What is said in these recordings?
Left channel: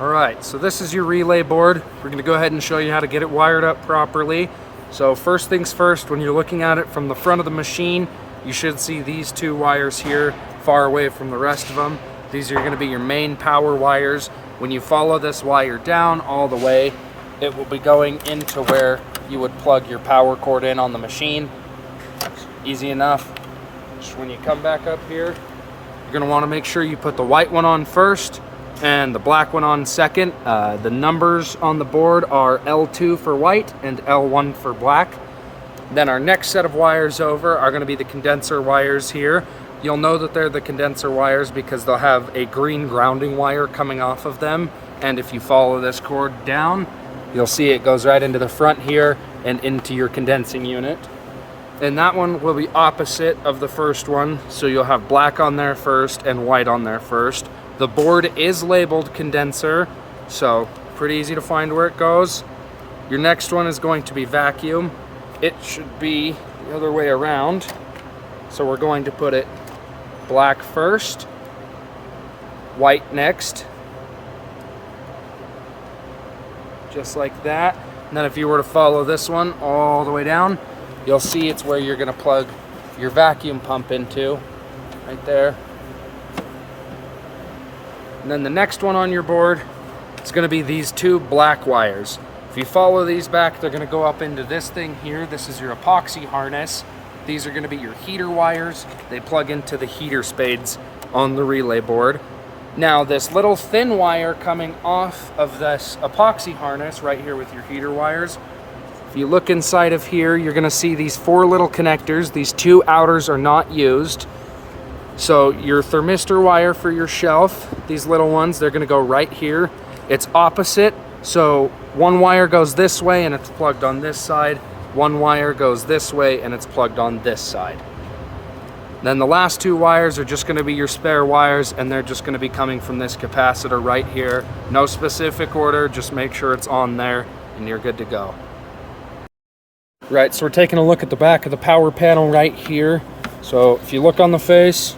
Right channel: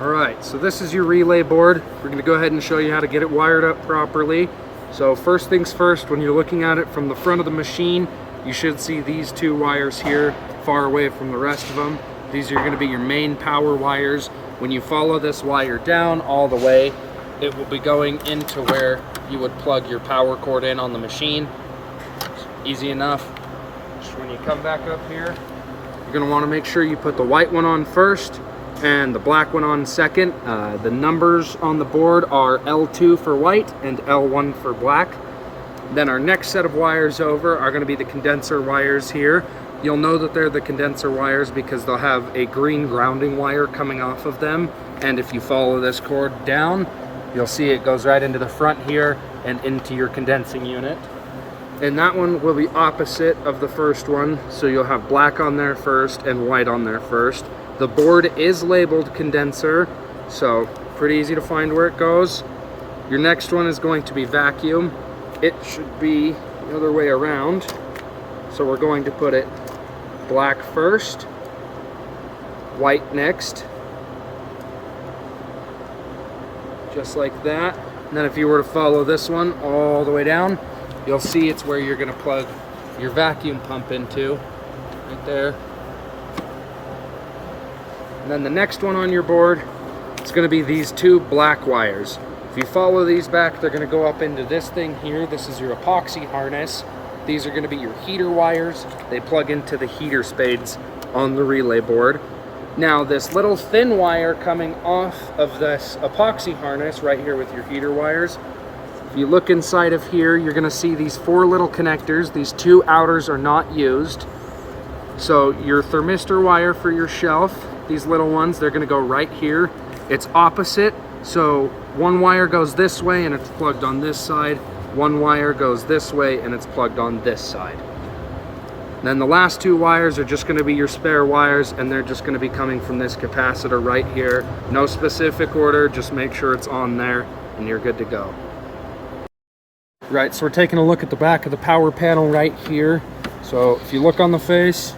Alright, so this is your relay board. We're going to go ahead and show you how to get it wired up properly. So first things first, when you're looking at it from the front of the machine, you should see these two wires here far away from the rest of them. These are going to be your main power wires. When you follow this wire down all the way, it will be going into where you would plug your power cord in on the machine. Easy enough. Just when you come back up here, you're going to want to make sure you put the white one on first and the black one on second. The numbers on the board are L2 for white and L1 for black. Then our next set of wires over are going to be the condenser wires here. You'll know that they're the condenser wires because they'll have a green grounding wire coming off of them. And if you follow this cord down, you'll see it goes right into the front here and into your condensing unit. And that one will be opposite of the first one. So you'll have black on there first and white on there first. The board is labeled condenser, so pretty easy to find where it goes. Your next one is going to be vacuum. It should be the other way around. So we're going to put it black first, white next, just like that. And then if you were to follow this one all the way down, you'll see it's where you're going to plug your vacuum pump into, right there. And then the next one on your board is going to be these two black wires. If you follow these back, they're going to go up into this thing here. This is your epoxy harness. These are going to be your heater wires. They plug into the heater spades on the relay board. Now this little thin wire coming off of this epoxy harness right here with your heater wires, if you look inside of here, you're going to see these four little connectors. These two outers are not used. So your thermistor wire for your shelf, these little ones, they're going to go right here. It's opposite, so one wire goes this way and it's plugged on this side. One wire goes this way and it's plugged on this side. Then the last two wires are just going to be your spare wires, and they're just going to be coming from this capacitor right here. No specific order, just make sure it's on there and you're good to go. Right, so we're taking a look at the back of the power panel right here. So if you look on the face,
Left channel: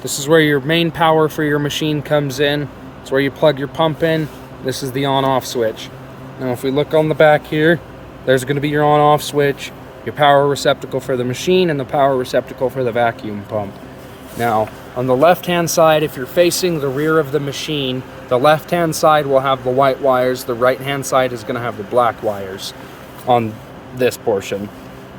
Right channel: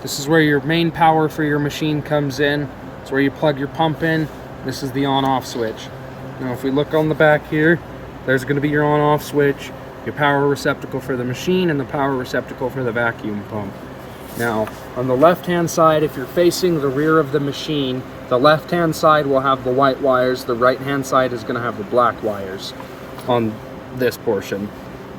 this is where your main power for your machine comes in. It's where you plug your pump in. This is the on-off switch. And if we look on the back here, there's going to be your on-off switch, your power receptacle for the machine, and the power receptacle for the vacuum pump. Now, on the left-hand side, if you're facing the rear of the machine, the left-hand side will have the white wires. The right-hand side is going to have the black wires on this portion.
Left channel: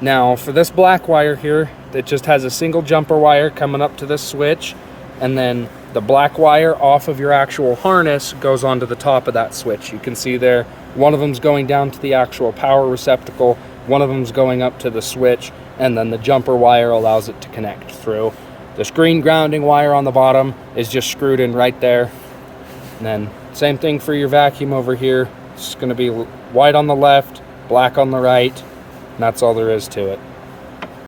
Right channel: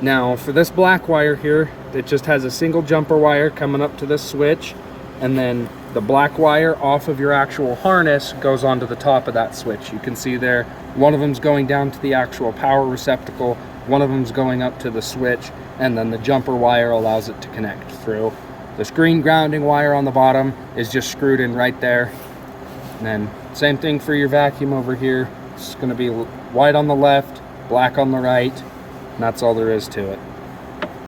Now, for this black wire here, it just has a single jumper wire coming up to the switch, and then the black wire off of your actual harness goes onto the top of that switch. You can see there, one of them's going down to the actual power receptacle, one of them's going up to the switch, and then the jumper wire allows it to connect through. This green grounding wire on the bottom is just screwed in right there. And then same thing for your vacuum over here. It's going to be white on the left, black on the right, and that's all there is to it.